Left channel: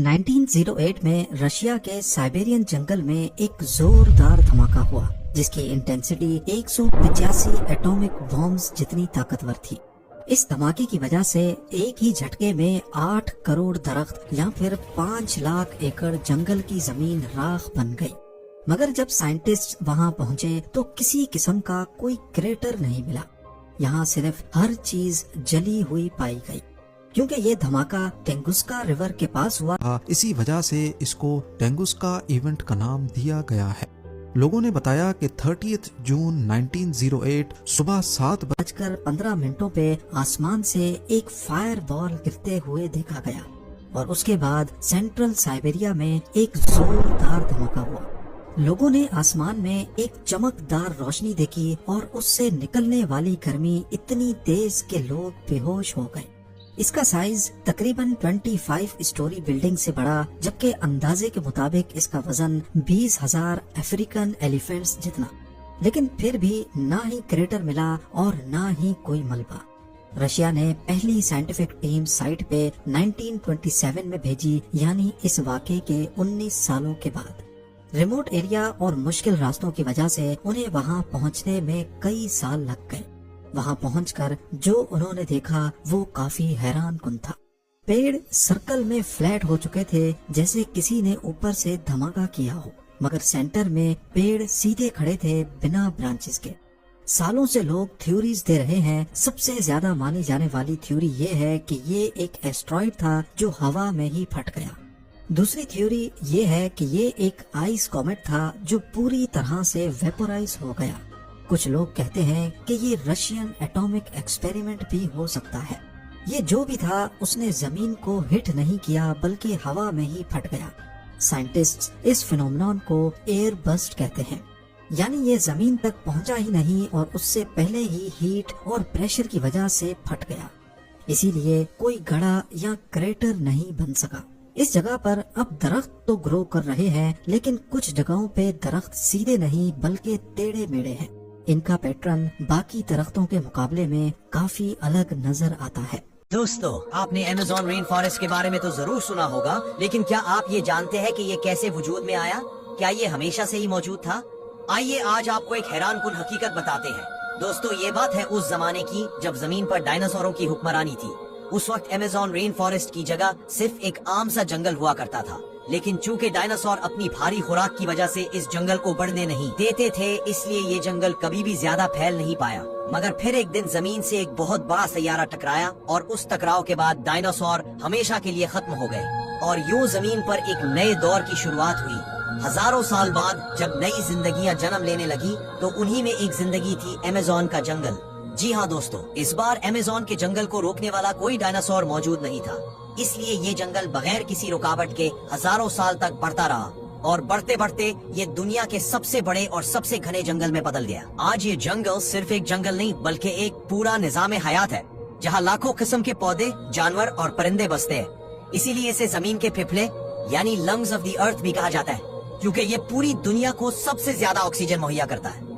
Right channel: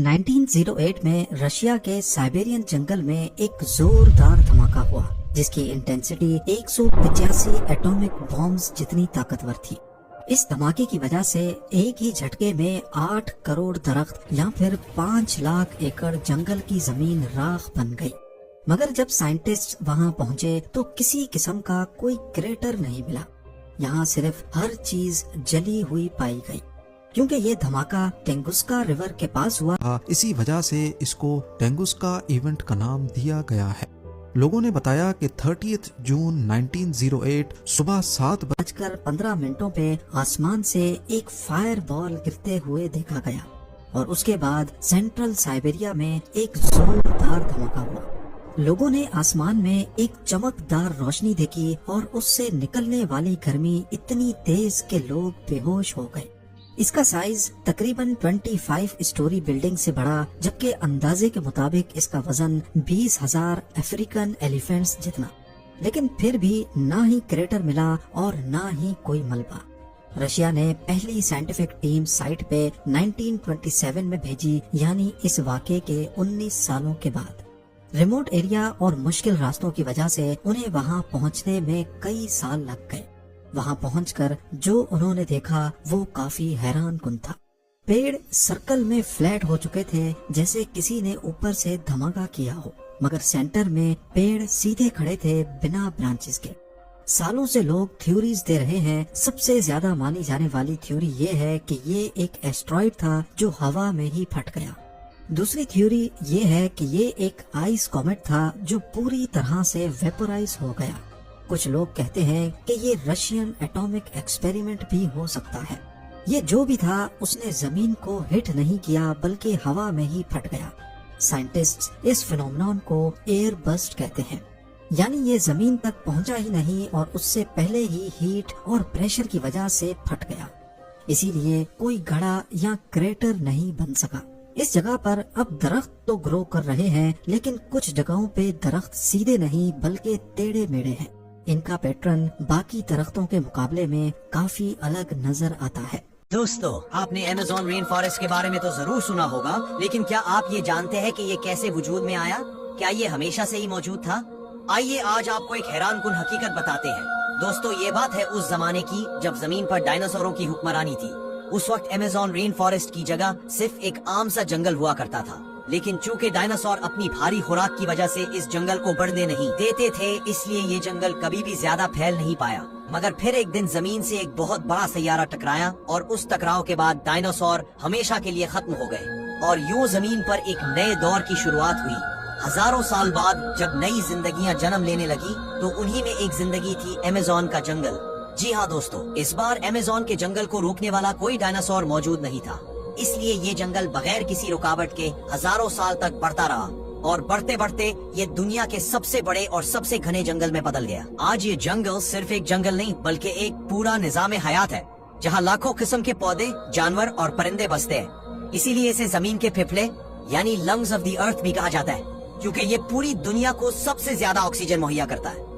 1908 में रशिया के साइबेरियन जंगल में एक जोरदार धमाका हुआ जिसकी इंटेंसिटी 185 एटॉमिक बॉम्ब्स जितनी ताकतवर थी। इस धमाके की वजह से एक ही झटके में 8 करोड़ दरख्त या फिर 5 लाख एकड़ जंगल की जमीन राख बन गई। मगर जब साइंटिस्ट वहां पहुंचे तो किसी किस्म का कोई क्रेटर नहीं मिला। यहाँ सिर्फ हर चीज जली हुई पाई गई। क्योंकि ये धमाका टेंगुस्का रिवर के पास हुआ, इसी वजह से इसको टेंगुस्का इवेंट का नाम दिया गया है। लोगों ने बताया कि 30 जून 1908 सुबह 7:15 पे आसमान से एक फायर बॉल गिरते हुए देखा गया और उसके बाद सेंट्रल साइबेरिया में एक जोरदार धमाका हुआ। लोगों ने आसमान में एक चमकदार रोशनी देखी और उससे निकलने वाली गर्मी इतनी तेज कि लोग बेहोश हो गए। इसका साइज तकरीबन 25 स्टोरी बिल्डिंग से बड़ा, जबकि अंदाजे के मुताबिक इसका वजन 20,000 अफ्रीकन एलिफेंट्स जितना। लेकिन फिर भी ना ही क्रेटर मिला और ना ही कोई मलबा। रशिया ने पहली साइंटिफिक टीम साइट पे 1927 में भेजी, यानी इस वाक़े के 19 सालों के बाद। रिमोट एरिया और मुश्किल रास्तों की वजह से उन्हें वहां पहुंचने में कई साल लग गए। वहां पहुंचकर जो उन्होंने देखा वो काफी हैरान कुन था। पेड़ सर्कल में फ्लैट हो चुके थे, जैसे किसी ने ऊपर से धमाका किया हो, मगर सेंटर में पेड़ सीधे खड़े थे बिना ब्रांचेस के। सालों से लोग थ्योरीज दे रहे हैं। सबसे ज्यादा मानी जाने वाली थ्योरी ये है कि ये एक एस्ट्रॉइड था जो हवा में ही फट गया। दूसरी थ्योरी ये है कि ये एक आइस कॉमेट था जो पूरी तरह से वेपोराइज हो गया। कुछ लोग कहते हैं कि ये रशियन एटॉमिक एक्सपेरिमेंट भी हो सकता है। ये जो भी था उसने जमीन को हिट नहीं किया बल्कि हवा में ही फट गया। साइंटिस्ट्स इस फिनोमेनन को एयर बस्ट कहते हैं, यानी ये जमीन तक पहुंचा ही नहीं और उससे पहले ही हीट और प्रेशर की वजह से फट गया। इसीलिए कोई गड़ा या क्रेटर नहीं बन सका। इस जगह पर अब दरख्त तो ग्रो कर रहे हैं, लेकिन कुछ जगहों पे दरख्त सीधे नहीं बल्कि टेढ़े मेढ़े हैं। इनका पैटर्न बाकी दरख्तों के मुकाबले में काफी अलग नजर आता है। दोस्तों, आपने अमेज़न रेन फॉरेस्ट के बारे में तो जरूर सुना होगा, लेकिन क्या आप ये जानते हैं कि ये कैसे वजूद में आया? क्या ये हमेशा से ही मौजूद था? आइए आज आपको एक हैरान कुन हकीकत बताते हैं। दोस्तों, ये बात है उस जमाने की जब जमीन पर डायनासोरों की हुक्मरानी थी। उस वक्त अमेज़न रेन फॉरेस्ट की जगह सिर्फ एक आम सा जंगल हुआ करता था, लेकिन चूंकि डायनासोर अपनी भारी खुराक की वजह से इस जंगल को बढ़ने नहीं देते थे, इसलिए ये जंगल कभी भी ज्यादा फैल नहीं पाया। मगर फिर एक दिन जमीन से एक बहुत बड़ा सैयारा टकराया और उस टकराव के बाद डायनासोर हमेशा के लिए खत्म हो गए और यूं जमीन पर एक नए दौर की शुरुआत हुई। हजारों साल बाद जब नई जिंदगियां जन्म लेने लगी तो उन्हीं में एक जिंदगी थी अमेज़न का जंगल। जी हाँ दोस्तों, इस बार अमेज़न के जंगल को रोकने वाला कोई डायनासोर मौजूद नहीं था, इसलिए ये जंगल बगैर किसी रुकावट के हजारों साल तक बढ़ता रहा और बढ़ते बढ़ते ये दुनिया के सबसे बड़े और सबसे घने जंगल में बदल गया। आज ये जंगल सिर्फ एक जंगल नहीं बल्कि एक पूरा निजाम हयात है, जहाँ लाखों किस्म के पौधे, जानवर और परिंदे बसते हैं। इसीलिए इसे जमीन के फेफड़े यानी लंग्स ऑफ द अर्थ भी कहा जाता है, क्योंकि ये पूरी दुनिया को सबसे ज्यादा ऑक्सीजन मुहैया करता है।